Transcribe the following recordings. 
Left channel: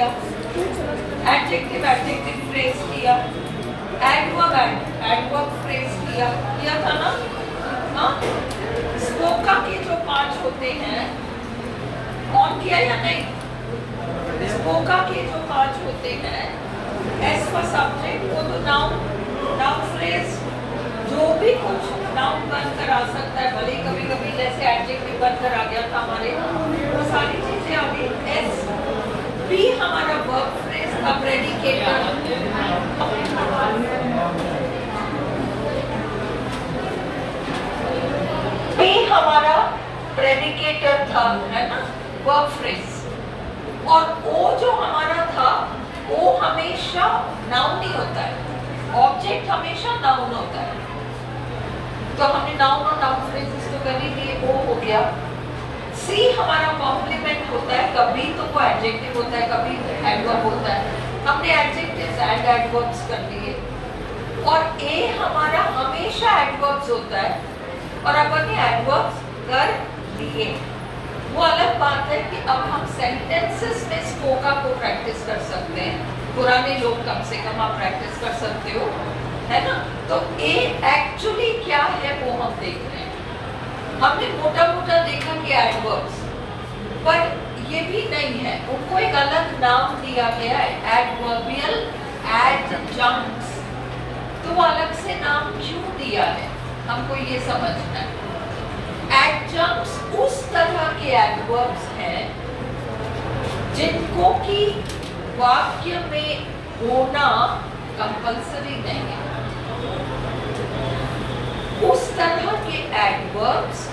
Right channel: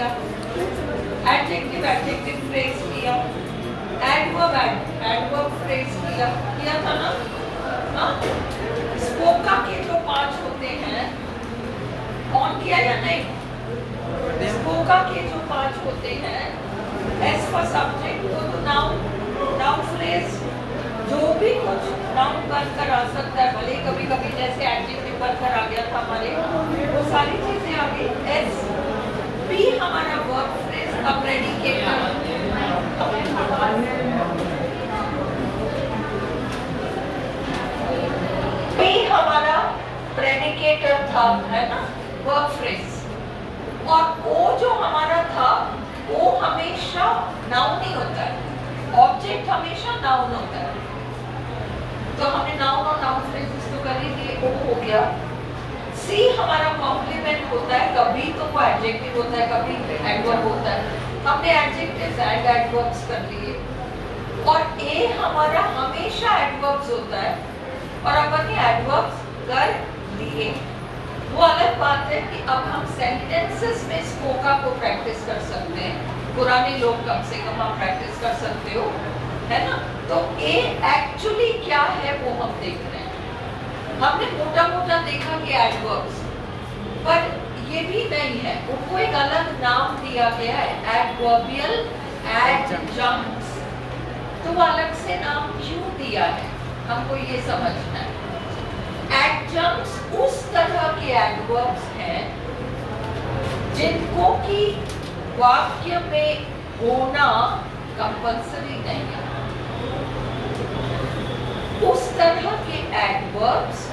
लिया, adjective adjective phrase लिया, adverb phrase किया था ना। हाँ, स्पोका के जो 5 होते हैं, ऑन किया या नहीं? स्पोका के जो 5 होते हैं, एस फॉर सब्जेक्ट, वो तो नाउन फ्रेज, जो भी कुछ नाउन बनकर आ सकता है, भले कभी कभी जैसे एडजेक्टिव बनकर आ गया था हमारे, वो सारी चीजें आ गई। एस पी हमारा वर्ब फ्रेज का प्रेडिकेटर, पी हमारा प्रेडिकेटर था, है ना, वर्ब फ्रेज। और ओ जो हमारा था, वो हमेशा नाउन नहीं होता है, ऑब्जेक्ट हमेशा नाउन होता है। तो हमने नाउन और नाउन फ्रेजेस तो कर ही लिए, ओ हो गया। सी हमारा कॉम्प्लीमेंट होता है, कभी तो वो एडजेक्टिव होता है, कभी एडवर्ब होता है। हमने एडजेक्टिव्स एंड एडवर्ब्स कर लिए। और ए हमारा हमेशा एडवर्ब्स होता है, और अब हमने एडवर्ब्स कर लिए। वो अलग बात है कि अब हम सेंटेंसेस में स्पोका को प्रैक्टिस कर सकते हैं। पुराने लोग कम से कम आप प्रैक्टिस कर सकते हो, है ना। तो ए एक्चुअली क्या है वो हम देख रहे हैं। हमने मोटा मोटा देखा कि एडवर्ब्स, पर ये भी नहीं है, उनको एक अलग नाम दिया गया है, एडवर्बियल एडजंक्ट्स। तो वो अलग से नाम क्यों दिया है, हमको ये समझना है। एडजंक्ट्स उस तरह के एडवर्ब्स हैं जिनको की वाक्य में होना कंपल्सरी नहीं है। उस तरह के एडवर्ब्स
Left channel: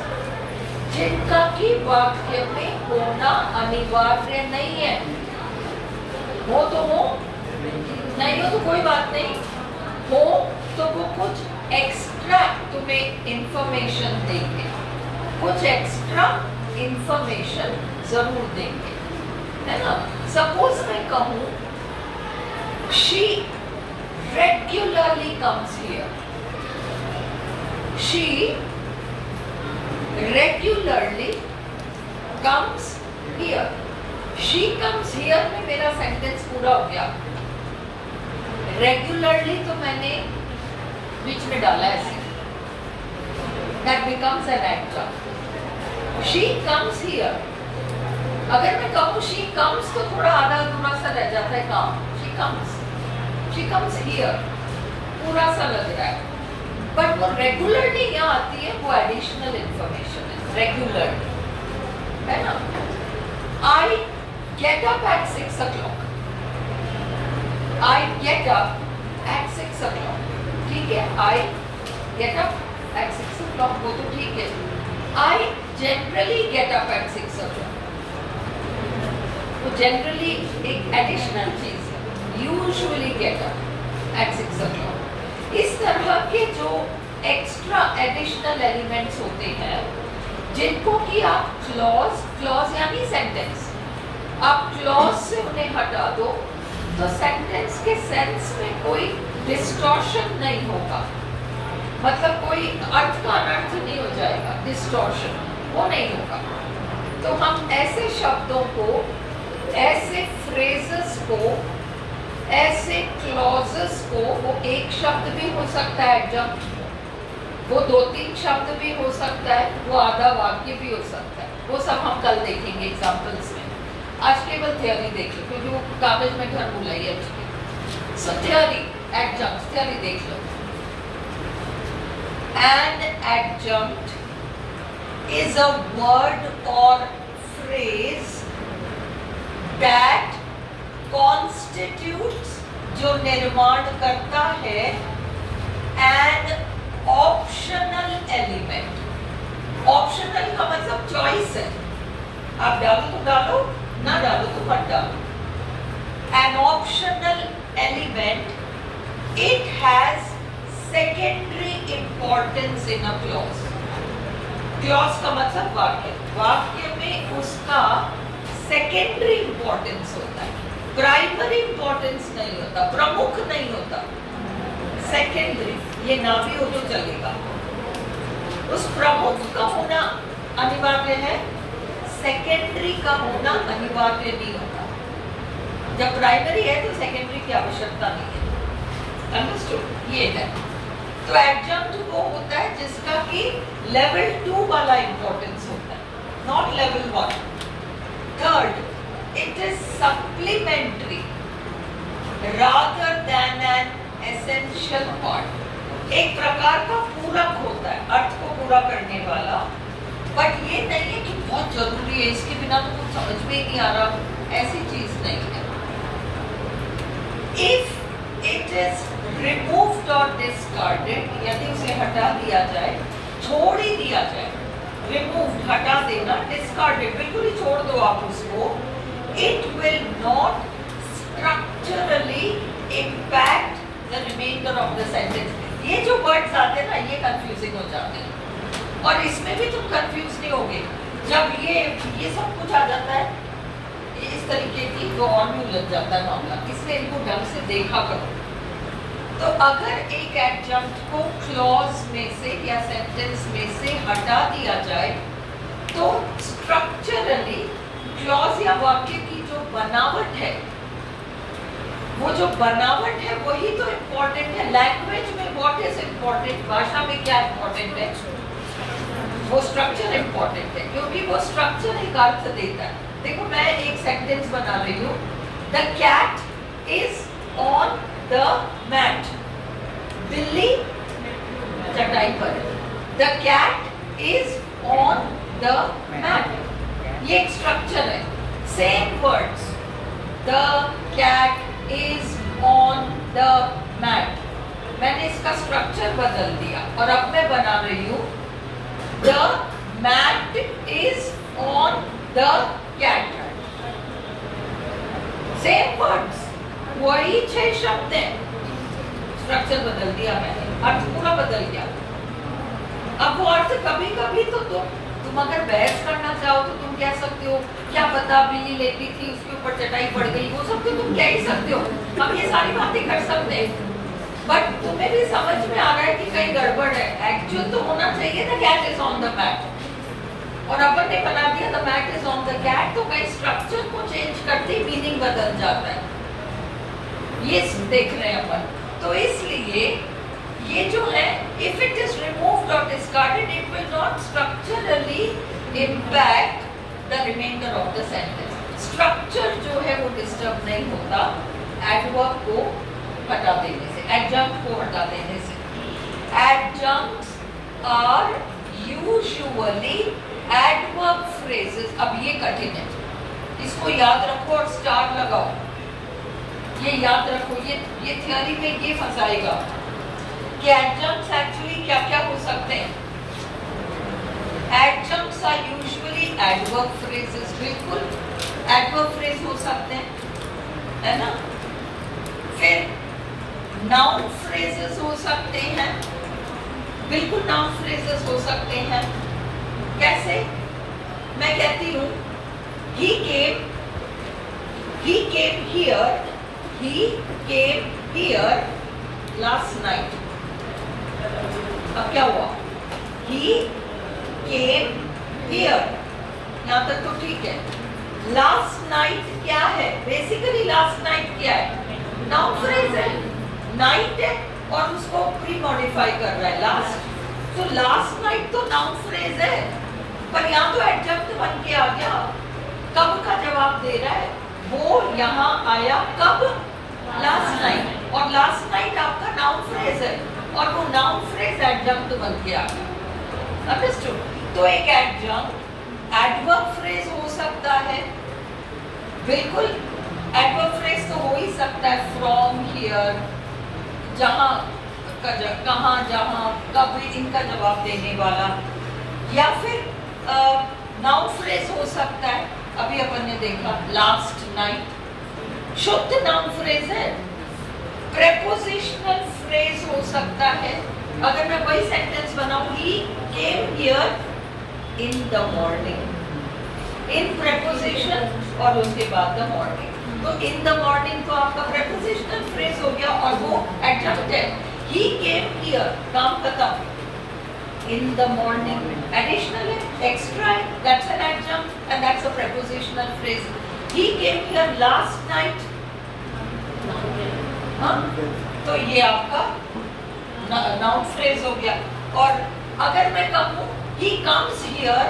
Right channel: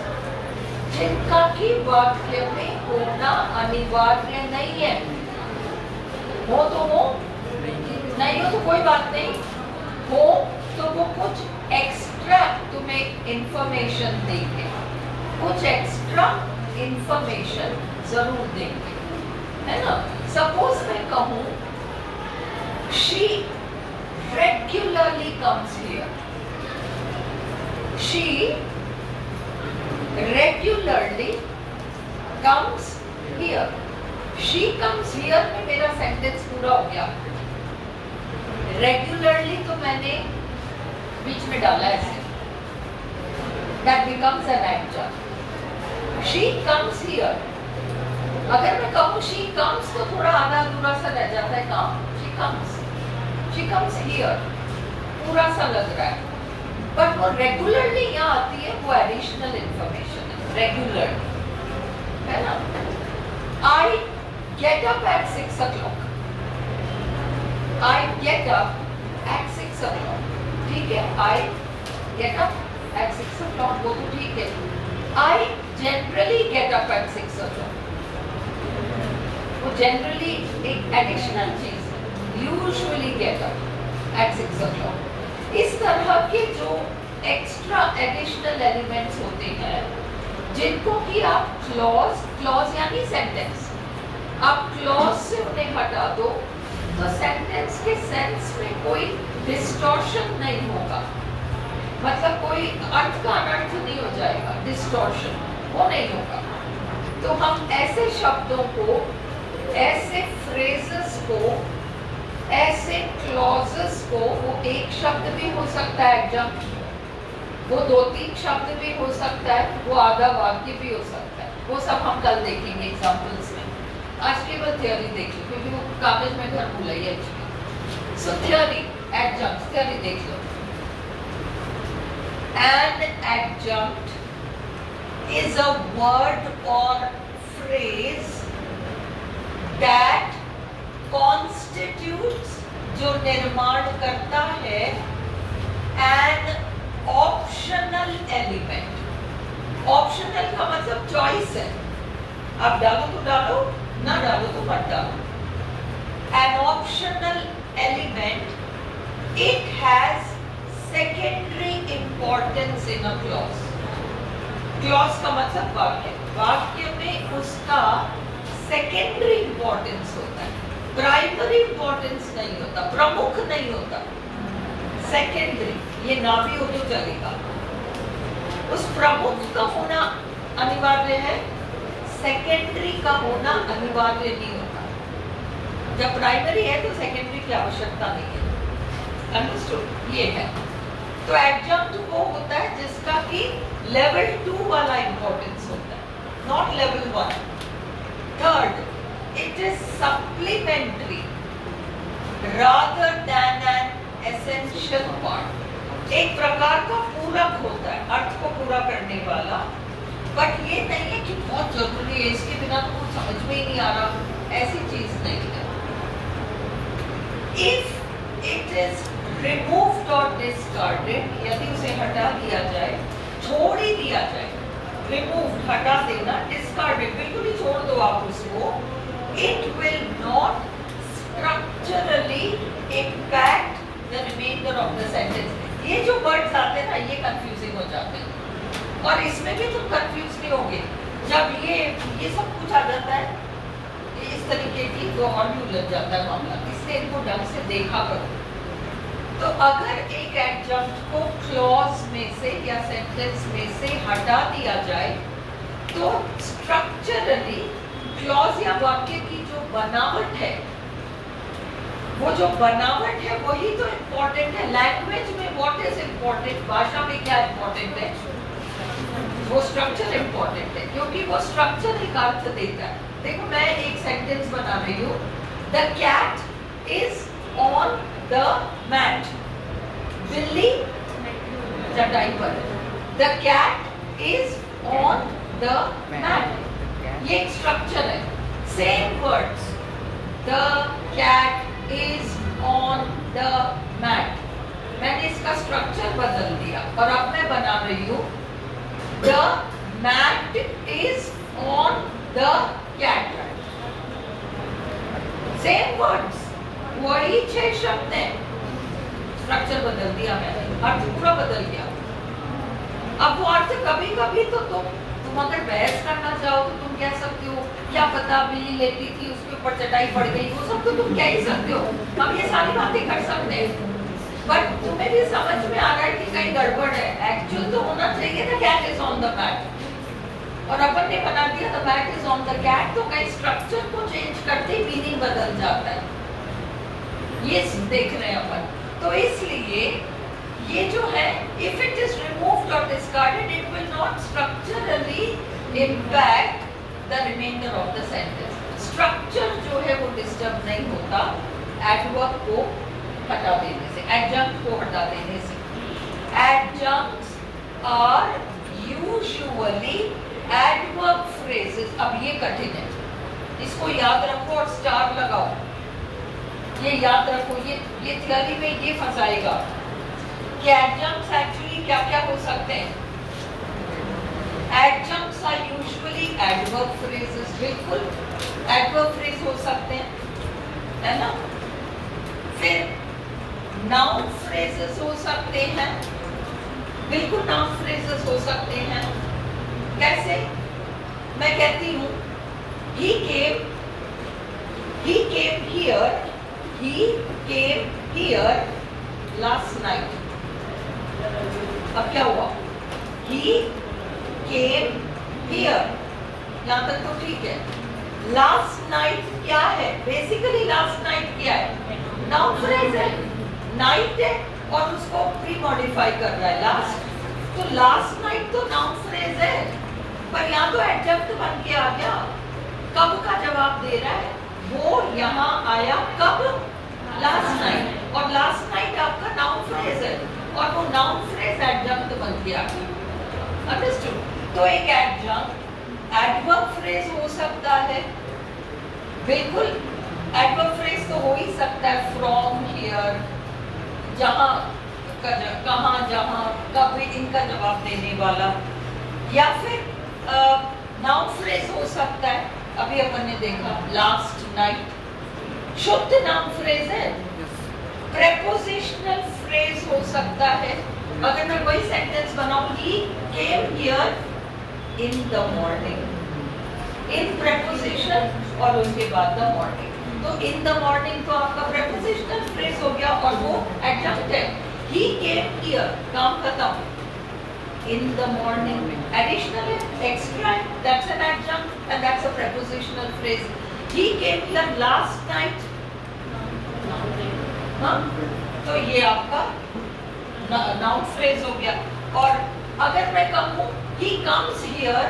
जिनका की वाक्य में होना अनिवार्य नहीं है। हो तो हो, नहीं हो तो कोई बात नहीं, हो तो वो कुछ एक्स्ट्रा तुम्हें इंफॉर्मेशन देंगे, कुछ एक्स्ट्रा इंफॉर्मेशन जरूर देंगे, है ना। सपोज मैं कहूं she regularly comes here, she regularly comes here, she comes here में मेरा सेंटेंस पूरा हो गया। रेगुलरली तो मैंने बीच में डाला है, that becomes an adjunct. She comes here. अगर मैं कहूँ she comes तो थोड़ा आधा अधूरा सा रह जाता है काम। She comes here, पूरा सा लग रहा है, बट वो रेगुलरली यहाँ आती है, वो एडिशनल इंफॉर्मेशन है, रेगुलरली, है ना। I get up at 6 o'clock. I get up at 6 o'clock. ठीक है, I get up at 6 o'clock, वो तो ठीक है। I generally get up at 6 o'clock. वो जनरली एक एडिशनल चीज है, usually get up at 6 o'clock। इस तरह के जो एक्स्ट्रा एडिशनल एलिमेंट्स होते हैं, जिनको कि आप क्लॉज यानी सेंटेंस, आप क्लॉज से उन्हें हटा दो तो सेंटेंस के सेंस में कोई डिस्टॉर्शन नहीं होगा, मतलब कोई अर्थ का अनर्थ नहीं हो जाएगा, डिस्टॉर्शन वो नहीं होगा। तो हम ऐसे शब्दों को, ऐसे फ्रेजेस को, ऐसे क्लॉजेस को, वो एक शब्द भी हो सकता है एडजंक्ट, वो 2-3 शब्द भी हो सकता है, वो आधा वाक्य भी हो सकता है, वो सब हम कल देखेंगे एग्जांपल्स में। आज केवल थ्योरी देख लो क्योंकि वो कागज में घर भूल है। सो थ्योरी, एडजंक्ट थ्योरी देख लो। An adjunct is a word or phrase that constitutes, जो निर्माण करता है, an optional element. Optional का मतलब चॉइस है, आप डालो तो डालो, ना डालो तो मत डालो। An optional element, it has secondary importance in a clause. Clause का मतलब वाक्य, वाक्य में उसका सेकेंडरी इंपॉर्टेंस होता है, प्राइमरी इंपॉर्टेंस नहीं होता, प्रमुख नहीं होता, सेकेंडरी। ये ना भी हो तो चलेगा, उस प्रमुख का होना अनिवार्य है, सेकेंडरी का होना अनिवार्य नहीं होता। जब प्राइमरी है तो सेकेंडरी की आवश्यकता नहीं है। अंडरस्टूड? ये है। तो एडजंक्ट वो होता है जिसका कि लेवल 2 वाला इंपॉर्टेंस होता है, not level 1। Third, it is supplementary rather than an essential part. एक प्रकार का पूरक होता है, अर्थ को पूरा करने वाला, बट ये नहीं है कि बहुत जरूरी है, इसके बिना तो कुछ समझ में ही नहीं आ रहा, ऐसी चीज नहीं है। If it is removed or discarded, यदि उसे हटा दिया जाए, छोड़ ही दिया जाए, removed हटा देना, discarded बिल्कुल ही छोड़ दो आप उसको, it will not structurally impact the remainder of the sentence। ये जो words आते हैं ना, ये confusing हो जाते हैं, और इसमें भी तुम confuse नहीं होगे। जब ये सब कुछ आ जाता है इस तरीके की, तो और भी उलझ जाता है मामला, इसलिए इनको ढंग से देखा करो। तो अगर एक एडजंक्ट को क्लॉज में से या सेंटेंस में से हटा दिया जाए, तो स्ट्रक्चरली क्लॉज या वाक्य की जो बनावट है, वो जो बनावट है वही तो इम्पोर्टेंट है। लैंग्वेज में व्हाट इज इम्पोर्टेंट, भाषा में क्या इम्पोर्टेंट है, वो स्ट्रक्चर इम्पोर्टेंट है, क्योंकि वो स्ट्रक्चर एक अर्थ देता है। देखो मैं एक सेंटेंस बना रही हूँ, the cat is on the mat, बिल्ली चटाई पर, the cat is on the mat, ये एक स्ट्रक्चर है। Same words, the cat is on the mat, मैंने इसका स्ट्रक्चर बदल दिया और अब मैं बना रही हूँ the mat is on the cat. Same words, वही 6 शब्द हैं, स्ट्रक्चर बदल दिया मैंने, अर्थ पूरा बदल गया। अब वो अर्थ कभी कभी तो तुम अगर बहस करना चाहो तो तुम कह सकते हो क्या पता बिल्ली लेटी थी उसके ऊपर चटाई पड़ गई, वो सब तो तुम कह ही सकते हो, हम ये सारी बातें कर सकते हैं, बट तुम्हें भी समझ में आ रहा है कि कहीं गड़बड़ है। एक्चुअल तो होना चाहिए था cat is on the mat, और अपन ने बना दिया the mat is on the cat, तो कहीं स्ट्रक्चर को चेंज करते ही मीनिंग बदल जाता है, ये देख रहे हैं अपन। तो इसलिए ये जो है, इफ इट इज रिमूव्ड और discarded, it will not structurally impact the reminder of the sentence. Structure जो है वो डिस्टर्ब नहीं होता एडवर्ब को हटा देने से, एडजंक्ट को हटा देने से। Adjuncts are usually adverb phrases. अब ये कठिन है, इसको याद रखो और स्टार लगाओ, ये याद रखो, ये थ्योरी में ये फंसाएगा कि एडजंक्ट्स एक्चुअली क्या क्या हो सकते हैं। Adjuncts are usually adverb phrases, बिल्कुल एडवर्ब फ्रेज हो सकते हैं, है ना। फिर नाउन फ्रेजेस हो सकते हैं, बिल्कुल नाउन फ्रेजेस हो सकते हैं। कैसे? मैं कहती हूँ he came here last night। अब क्या हुआ? He came here, यहाँ तक तो ठीक है। Last night क्या है? बेसिकली last night क्या है? नाउन फ्रेज है, नाइट है और उसको प्री मॉडिफाई कर रहा है लास्ट, तो लास्ट नाइट तो नाउन फ्रेज है, पर यहाँ तो एडजंक्ट बन के आ गया, कब का जवाब दे रहा है, वो यहाँ आया कब? लास्ट नाइट, और लास्ट नाइट आपका नाउन फ्रेज है और वो नाउन फ्रेज एडजंक्ट बन के आ गया। अंडरस्टूड? तो एक एडजंक्ट एडवर्ब फ्रेज हो सकता है, बिल्कुल एडवर्ब फ्रेज तो हो ही सकता है, फ्रॉम, हियर, जहाँ, कहाँ, जहाँ, कब, इनका जवाब देने वाला, या फिर नाउन फ्रेज हो सकता है। अभी अपन ने देखा लास्ट नाइट, शुद्ध नाउन फ्रेज है। प्रेपोजिशनल फ्रेज हो सकता है, अगर मैं वही सेंटेंस बनाऊं, he came here in the morning, in preposition और उसके बाद द मॉर्निंग, तो इन द मॉर्निंग तो आपका प्रेपोजिशनल फ्रेज हो गया और वो एडजंक्ट है। he came here, काम खत्म। in the morning, additional है, extra है, that's an adjunct and that's a prepositional phrase। he came here last night, हाँ, तो ये आपका नाउन फ्रेज हो गया। और अगर मैं कहूँ he comes here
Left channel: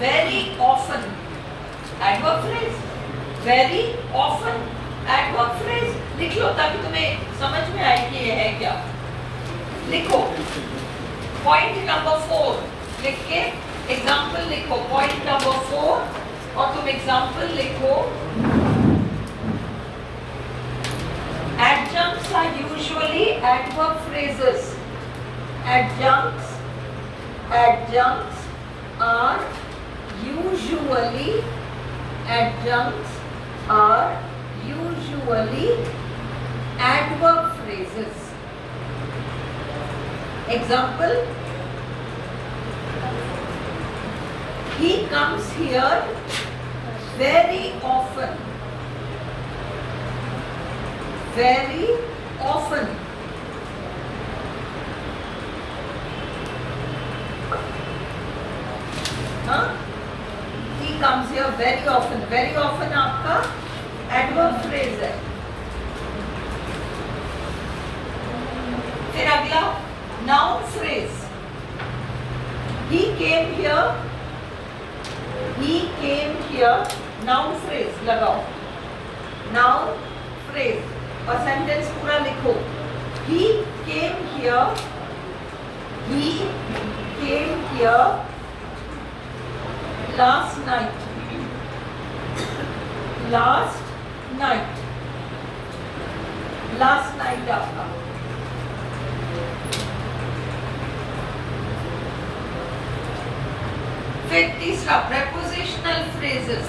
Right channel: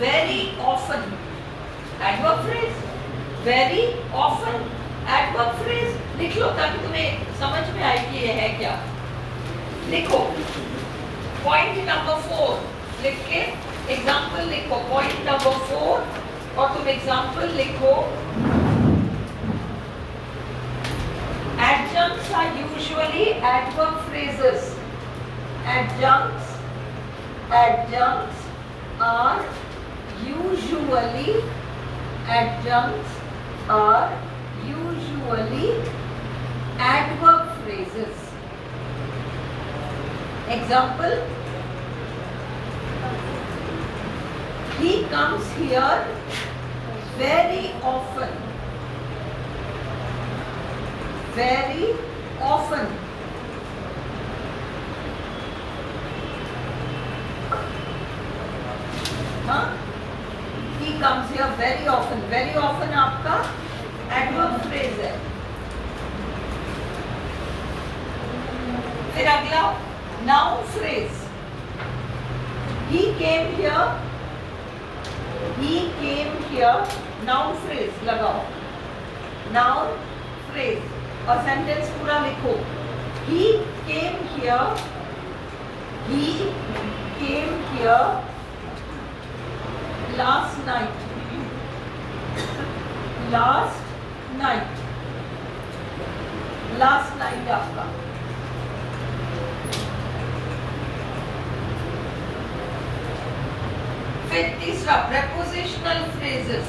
very often, adverb phrase, very often adverb phrase लिख लो ताकि तुम्हें समझ में आए कि ये है क्या। लिखो पॉइंट नंबर 4 लिख के एग्जाम्पल लिखो, पॉइंट नंबर 4 और तुम एग्जाम्पल लिखो। Adjuncts are usually adverb phrases. Adjuncts are usually adverb phrases. Example: he comes here very often. Very often. हाँ? He comes here very often. Very often आपका adverb phrase है। फिर अगला noun phrase. He came here. Noun phrase लगाओ। Noun phrase और sentence पूरा लिखो। He came here last night. Last night आपका। फिर तीसरा prepositional phrases.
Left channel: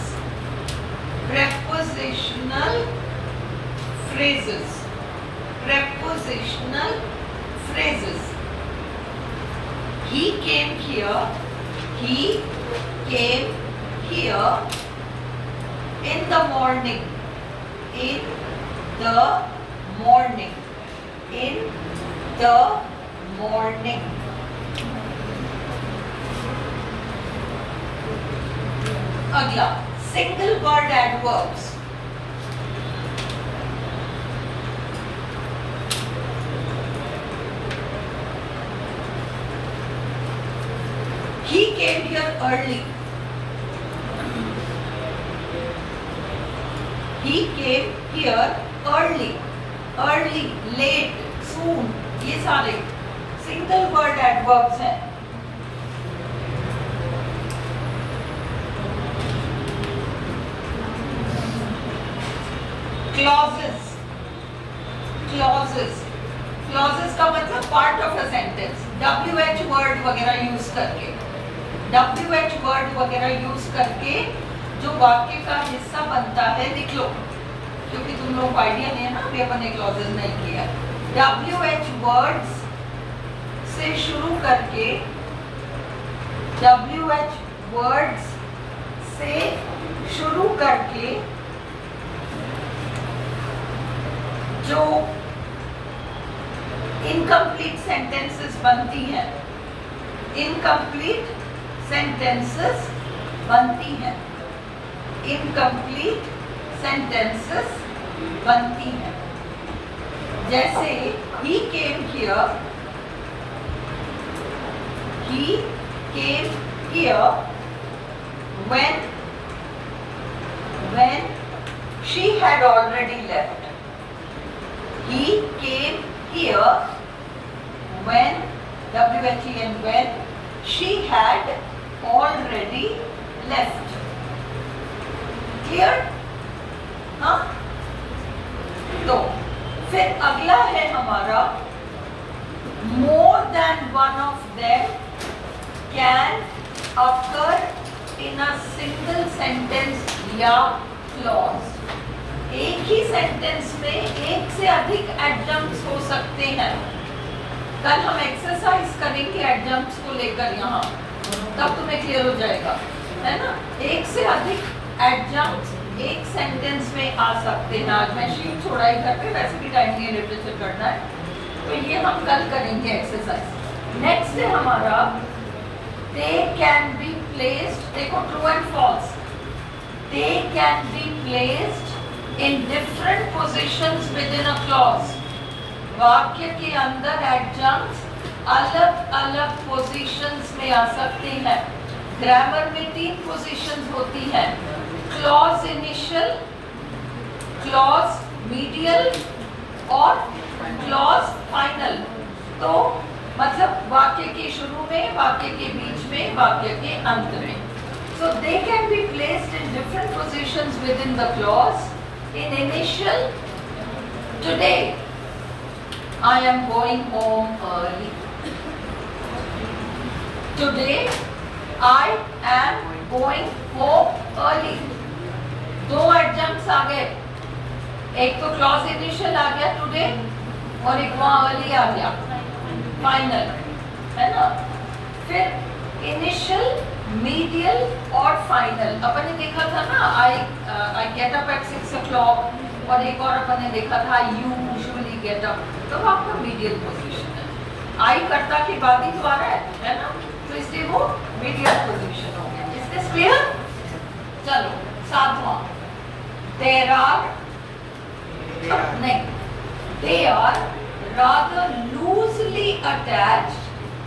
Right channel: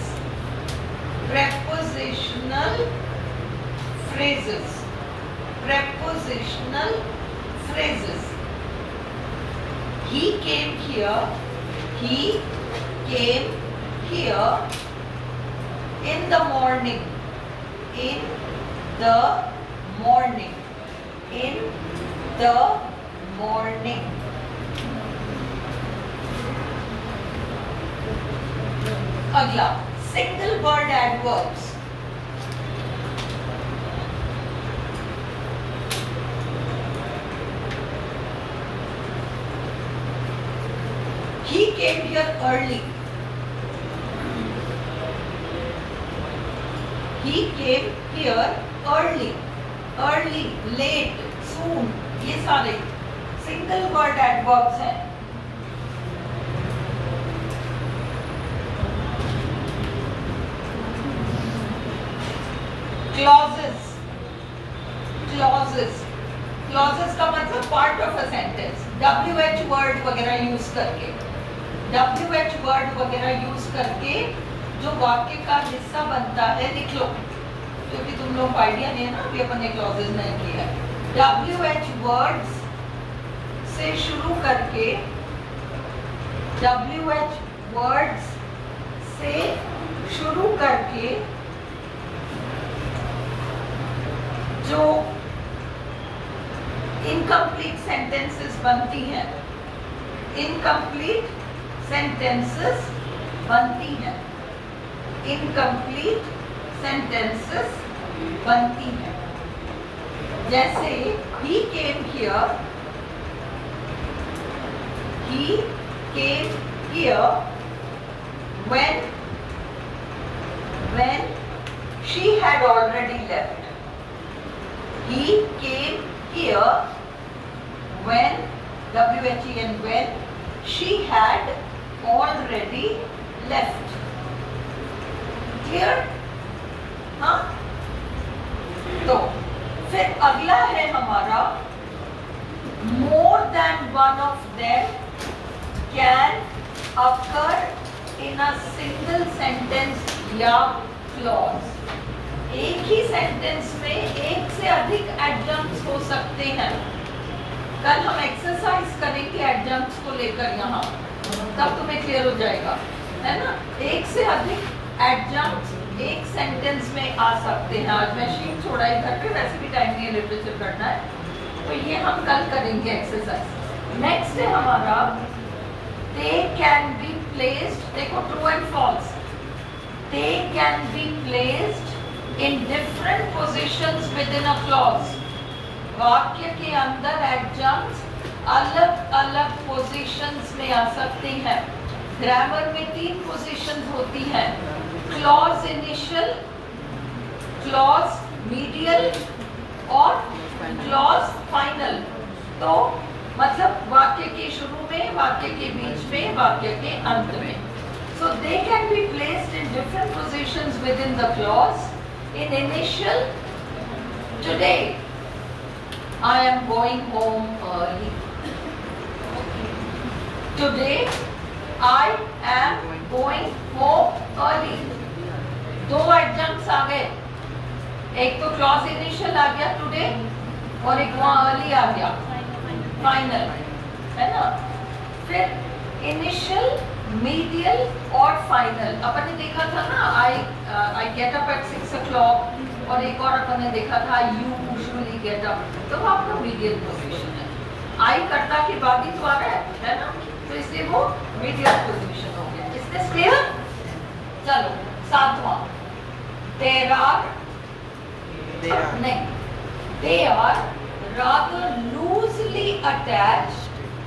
Prepositional phrases. He came here in the morning. अगला single word adverbs. He came here early. Early, late, soon, ये सारे single word adverbs हैं। Clauses का मतलब part of a sentence. WH word वगैरह यूज करके जो वाक्य का हिस्सा बनता है लिख लो, क्योंकि तुम लोग आइडिया नहीं है ना, अभी अपन ने क्लॉजेस नहीं किया। WH वर्ड्स से शुरू करके जो इनकम्प्लीट सेंटेंसेस बनती हैं, इनकम्प्लीट sentences बनती हैं। जैसे he came here when she had already left. He came here when she had already left. Clear? हाँ? तो फिर अगला है हमारा more than one of them can occur in a single sentence या clause. एक ही सेंटेंस में एक से अधिक एडजंक्ट्स हो सकते हैं। कल हम एक्सरसाइज करेंगे एडजंक्ट्स को लेकर यहाँ, तब तुम्हें क्लियर हो जाएगा, है ना। एक से अधिक एडजंक्ट्स एक सेंटेंस में आ सकते हैं। आज मैं शीट छोड़ा ही करके, वैसे भी टाइम नहीं लिटरेचर करना है, तो ये हम कल करेंगे एक्सरसाइज। नेक्स्ट है हमारा दे कैन बी प्लेस्ड, देखो true and false. They can be placed in different positions within a clause. वाक्य के अंदर adjuncts अलग अलग पोजीशंस में आ सकते हैं. ग्रामर में 3 पोजीशंस होती हैं, क्लॉज इनिशियल, क्लॉज मीडियल और क्लॉज फाइनल. तो मतलब वाक्य के शुरू में, वाक्य के बीच में, वाक्य के अंत में. So they can be placed in different positions within the clause. In initial, today I am going home early. Today I am going home early. 2 adjuncts आ गए, एक तो क्लॉज इनिशियल आ गया टुडे और एक वहां अर्ली आ गया फाइनल, है ना. फिर इनिशियल, मीडियल और फाइनल अपन ने देखा था ना. I get up at 6 o'clock और एक और अपन ने देखा था यू यूजुअली गेट अप. तो आपका मीडियल पोजीशन है. आई कर्ता के बाद ही तो आ रहा है ना, तो इसलिए वो मीडियल पोजीशन हो गया. Is this clear? चलो 7वां, देयर आर नहीं, they are rather loosely attached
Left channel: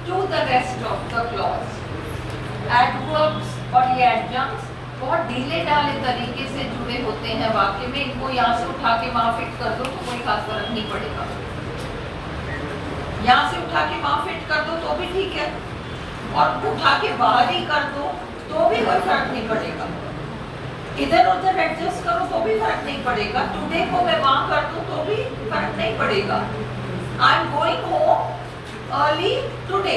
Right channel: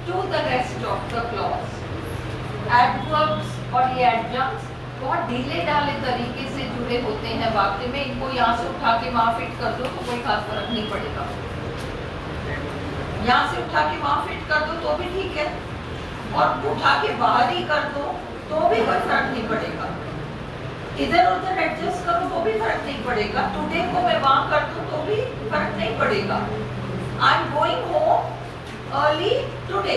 to the rest of the clause. Adverbs और ये adjuncts बहुत ढीले ढाले तरीके से जुड़े होते हैं वाक्य में. इनको यहाँ से उठा के वहाँ फिट कर दो तो कोई खास फर्क नहीं पड़ेगा. यहाँ से उठा के वहाँ फिट कर दो तो भी ठीक है, और उठा के बाहर ही कर दो तो भी कोई फर्क नहीं पड़ेगा. इधर उधर एडजस्ट करो तो भी फर्क नहीं पड़ेगा. टुडे को मैं वहां कर दूं तो भी फर्क नहीं पड़ेगा. I am going home early today,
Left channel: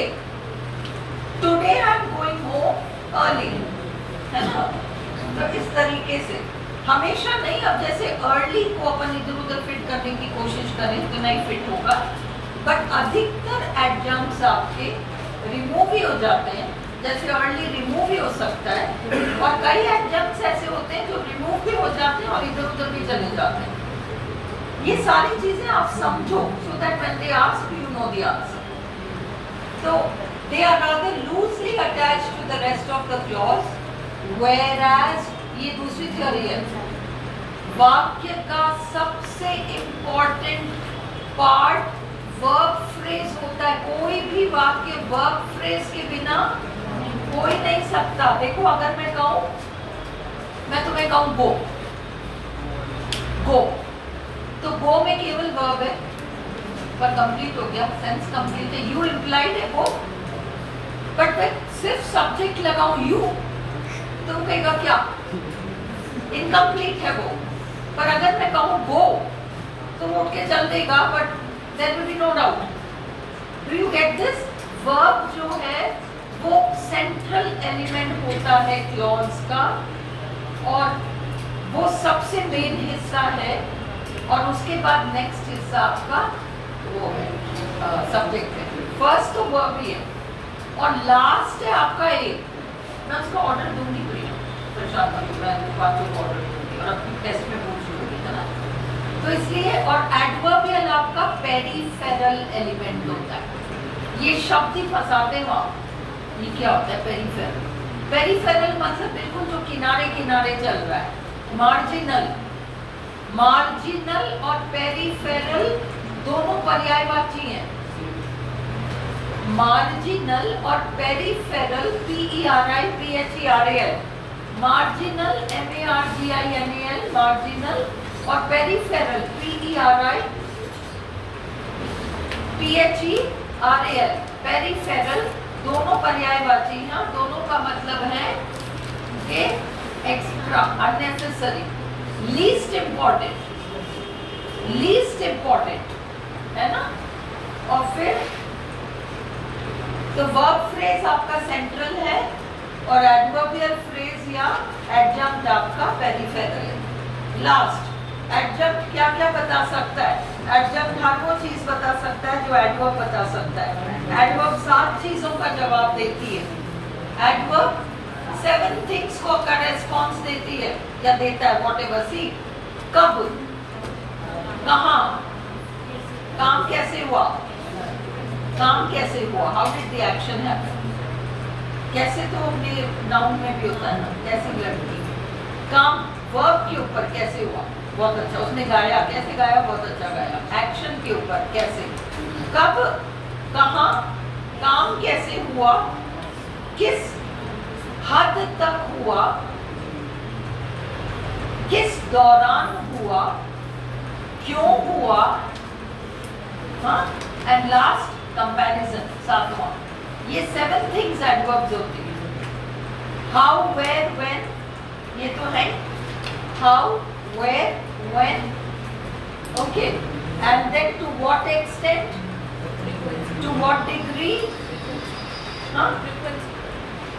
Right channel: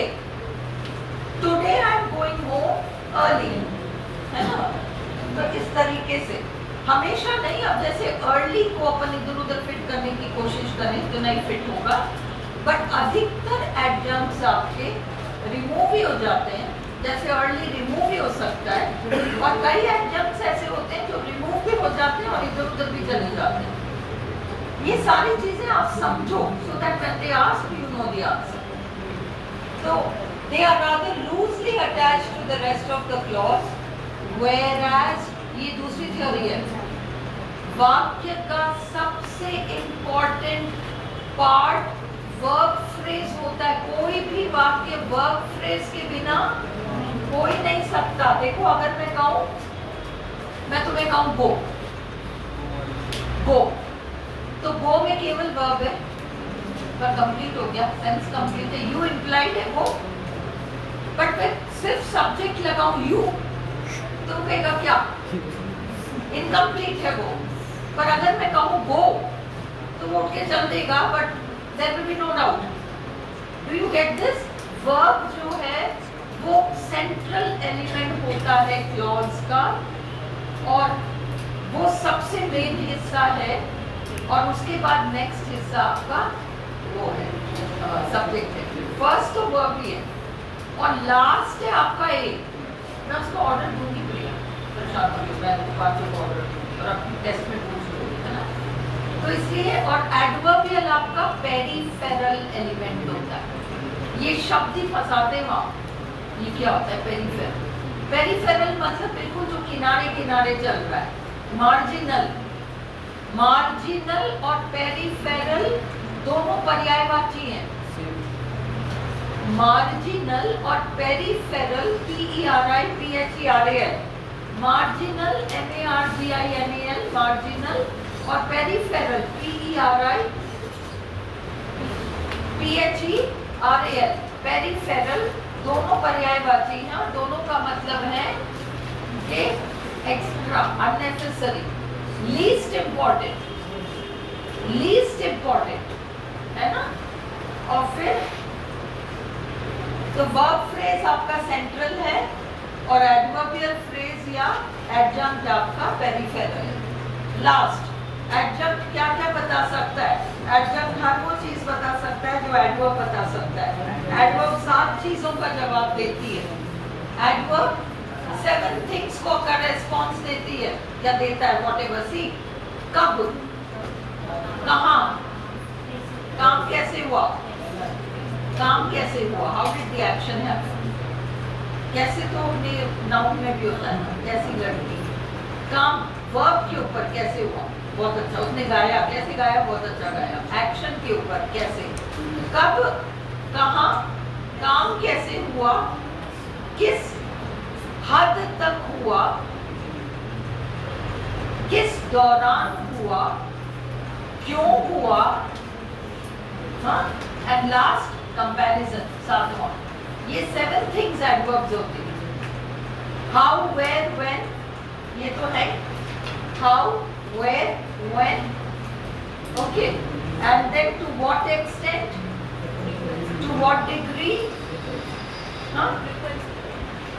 today I am going home early, है ना. तो इस तरीके से हमेशा नहीं. अब जैसे अर्ली को अपन इधर उधर फिट करने की कोशिश करें तो नहीं फिट होगा, बट अधिकतर एडजंक्ट्स आपके रिमूव ही हो जाते हैं. जैसे अर्ली रिमूव ही हो सकता है, और कई एडजंक्ट्स ऐसे होते हैं जो रिमूव भी हो जाते हैं और इधर उधर भी चले जाते हैं. ये सारी चीजें आप समझो, so that when they ask you know the answer. So they are rather loosely attached to the rest of the clause, whereas ये दूसरी थ्योरी है. वाक्य का सबसे इम्पोर्टेंट पार्ट वर्ब फ्रेज होता है. कोई भी वाक्य वर्ब फ्रेज के बिना हो ही नहीं सकता. देखो अगर मैं कहूं, मैं तुम्हें कहूं गो, गो, तो गो में केवल वर्ब है, पर कंप्लीट हो गया, सेंस कंप्लीट है. यू इंप्लाइड है गो, बट मैं सिर्फ सब्जेक्ट लगाऊं यू तो कहेगा क्या, इनकम्प्लीट है वो. पर अगर मैं कहूं गो तो वो उठ के चल देगा, but there will be no doubt. Do you get this? Verb जो है वो सेंट्रल एलिमेंट होता है क्लॉज का, और वो सबसे मेन हिस्सा है, और उसके बाद नेक्स्ट हिस्सा आपका वो है सब्जेक्ट है. फर्स्ट तो वर्ब ही है और लास्ट है आपका ए. मैं उसको ऑर्डर दूंगी ऑर्डर दूंगी और अपनी टेस्ट में पूछ लूंगी, है ना. तो इसलिए, और एडवर्बियल आपका पेरिफेरल एलिमेंट होता है. ये शब्द ही फंसाते वहां. ये क्या होता है पेरिफेरल? पेरिफेरल मतलब बिल्कुल जो किनारे किनारे चल रहा है. मार्जिनल, मार्जिनल और पेरिफेरल दोनों पर्यायवाची हैं. मार्जिनल और peripheral, PERIPHERAL, marginal MARGINAL, marginal, और पेरिफेरल PERIPHERAL, पेरिफेरल दोनों पर्यायवाची हैं. दोनों का मतलब है कि extra, unnecessary, least important, least important, है ना. और फिर तो वर्ब फ्रेज आपका सेंट्रल है और एडवर्बियल फ्रेज या एडजंक्ट आपका पेरिफेरल है. लास्ट एडजंक्ट क्या क्या बता सकता है? एडजंक्ट हर वो चीज बता सकता है जो एडवर्ब बता सकता है. एडवर्ब 7 चीजों का जवाब देती है. एडवर्ब 7 थिंग्स को का रेस्पॉन्स देती है या देता है, व्हाटएवर. सी, कब, कहाँ, काम कैसे हुआ, काम कैसे हुआ, how did the action happen. कैसे तो नाउन में भी होता है ना, कैसी लड़की, काम वर्ब के ऊपर कैसे हुआ, बहुत अच्छा। उसने गाया, कैसे गाया, बहुत अच्छा गाया। एक्शन के ऊपर कैसे, कब, कहाँ, काम कैसे हुआ, किस हद तक हुआ, किस दौरान हुआ, क्यों हुआ, हाँ, एंड लास्ट कंपैरिजन, सातवां। ये 7 थिंग्स एडवर्ब्स होते हैं। हाउ, वेयर, व्हेन, ये तो है how, where, when, okay, and then to what extent, to what degree, हाँ,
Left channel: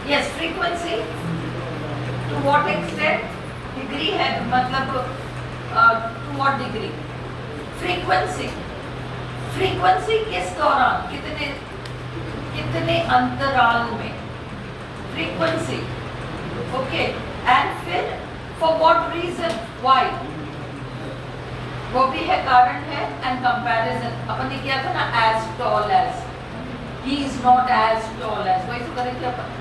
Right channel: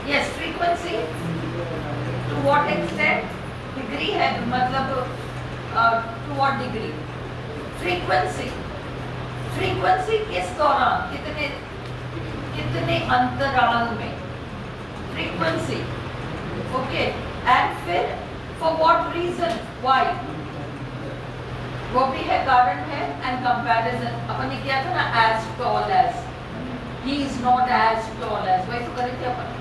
yes, frequency, to what extent, degree है मतलब to what degree, frequency, frequency किस दौरान, कितने अंतराल में, फ्रीक्वेंसी, ओके, एंड फिर फॉर व्हाट रीजन, व्हाई, वो भी है, कारण है, एंड कंपैरिजन। अपन ने किया था ना, as tall as, he is not as tall as, वही तो करें क्या अपन,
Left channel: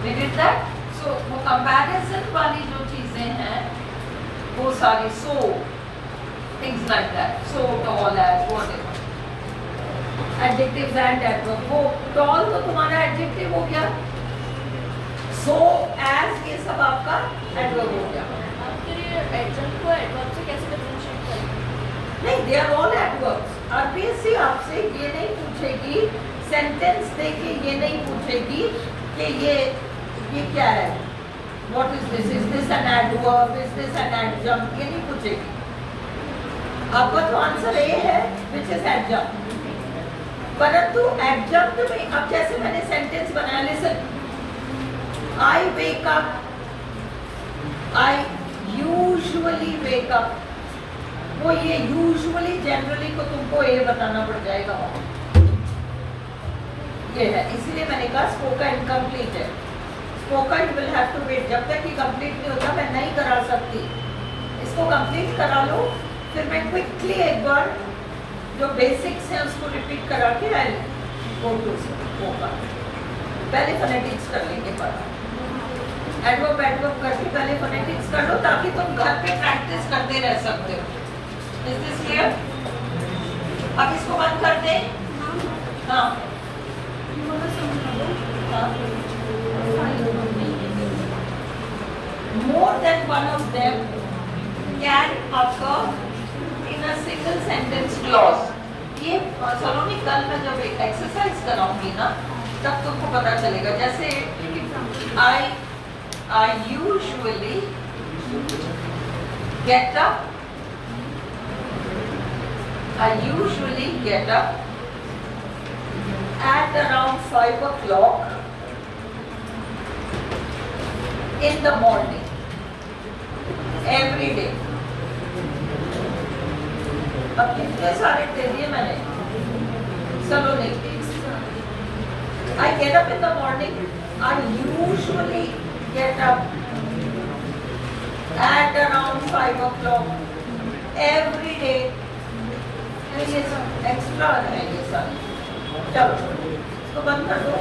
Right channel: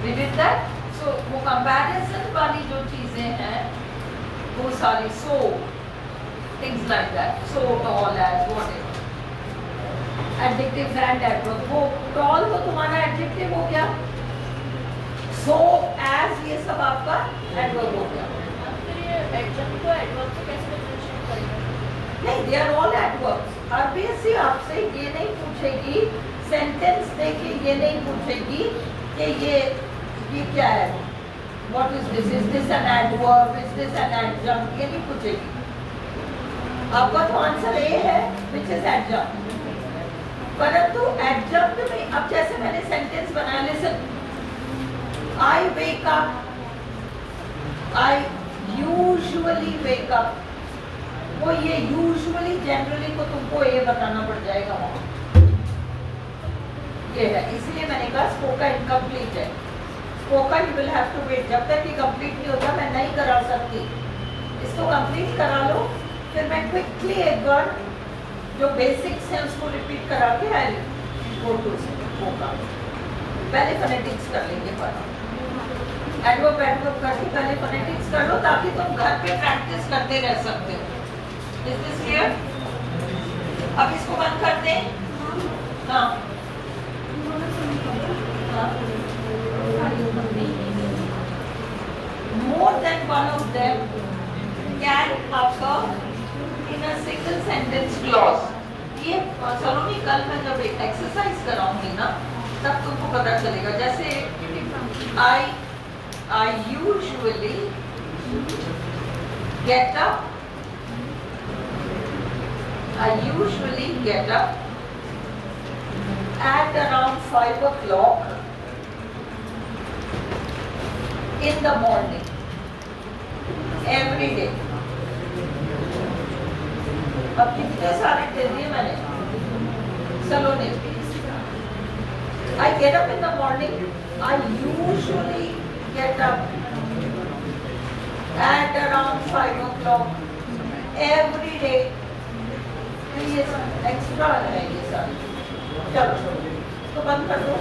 we did that। so वो कंपैरिजन वाली जो चीजें हैं वो सारी, so things like that, so tall as, whatever, adjectives and adverbs। वो tall तो तुम्हारा adjective हो गया, so as ये सब आपका adverb हो गया। फिर ये adjunct को adverb से कैसे differentiate करेंगे? नहीं, they are all adverbs। RBSC आपसे ये नहीं पूछेगी, सेंटेंस देके ये नहीं पूछेगी कि ये क्या है, what is this, is this an adverb, is this an adjunct, ये नहीं पूछेगी। आपका तो आंसर ए है, which is adjunct। परंतु एडजंक्ट में, अब जैसे मैंने सेंटेंस बनाया, listen, I wake up, I usually wake up, वो ये यूजुअली, जनरली को तुमको ए बताना पड़ जाएगा वहाँ, ये है। इसलिए मैंने कहा स्पोकन इनकम्प्लीट है, spoken will have to wait, जब तक कि कंप्लीट नहीं होता मैं नहीं करा सकती। इसको कंप्लीट करा लो, फिर मैं क्विकली एक बार जो बेसिक्स हैं उसको रिपीट करा के आई गो टू स्पोकन। पहले फोनेटिक्स कर लेंगे, पर एडवर्ब करके पहले फोनेटिक्स कर लो, ताकि तुम घर पे प्रैक्टिस करते रह सकते हो। Is this clear? अब इसको बंद कर दें। हाँ, more than one of them can occur in a single sentence clause। ये सलोनी कल मैं जब एक एक्सरसाइज कराऊंगी ना, तब तुमको पता चलेगा। जैसे I usually get up, at around 5 o'clock in the morning every day। अब कितने सारे दे दिए मैंने, सलोनी। I get up in the morning, I usually get up at around 5 o'clock every day। ये एक्स्ट्रा है ये सारे। चलो, तो बंद कर दो।